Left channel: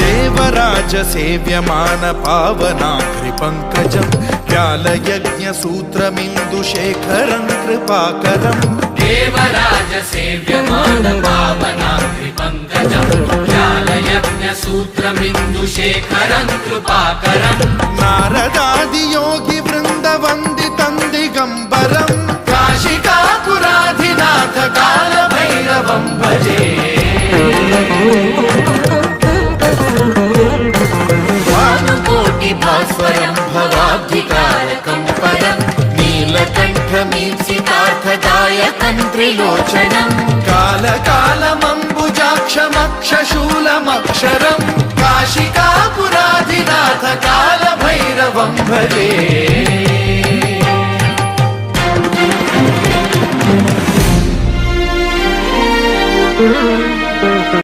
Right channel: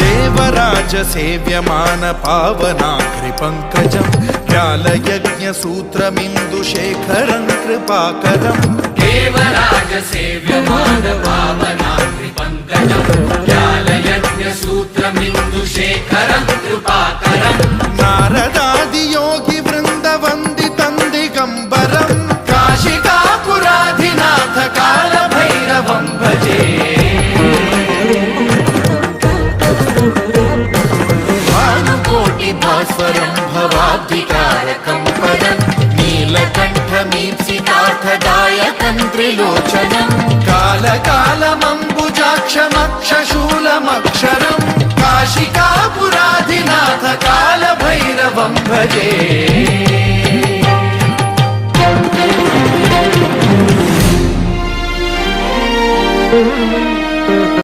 देवराज सेव्यमान पावनाग्रिपङ्कजं व्यालयज्ञसूत्रमिन्दुशेखरं कृपाकरं देवराज सेव्यमान पावनाग्रिपङ्कजं व्यालयज्ञसूत्रमिन्दुशेखरं कृपाकरं नारदादियोगि वृन्दवन्दितं दिगम्बरं काशिकापुराधिनाथ कालभैरवं भजे भास्वरं भवाब्धितारकं परं नीलकण्ठमीप्सितार्थदायकं त्रिलोचनं कालकालमम्बुजाक्षमक्षशूलमक्षरं काशिकापुराधिनाथ कालभैरवं भजे।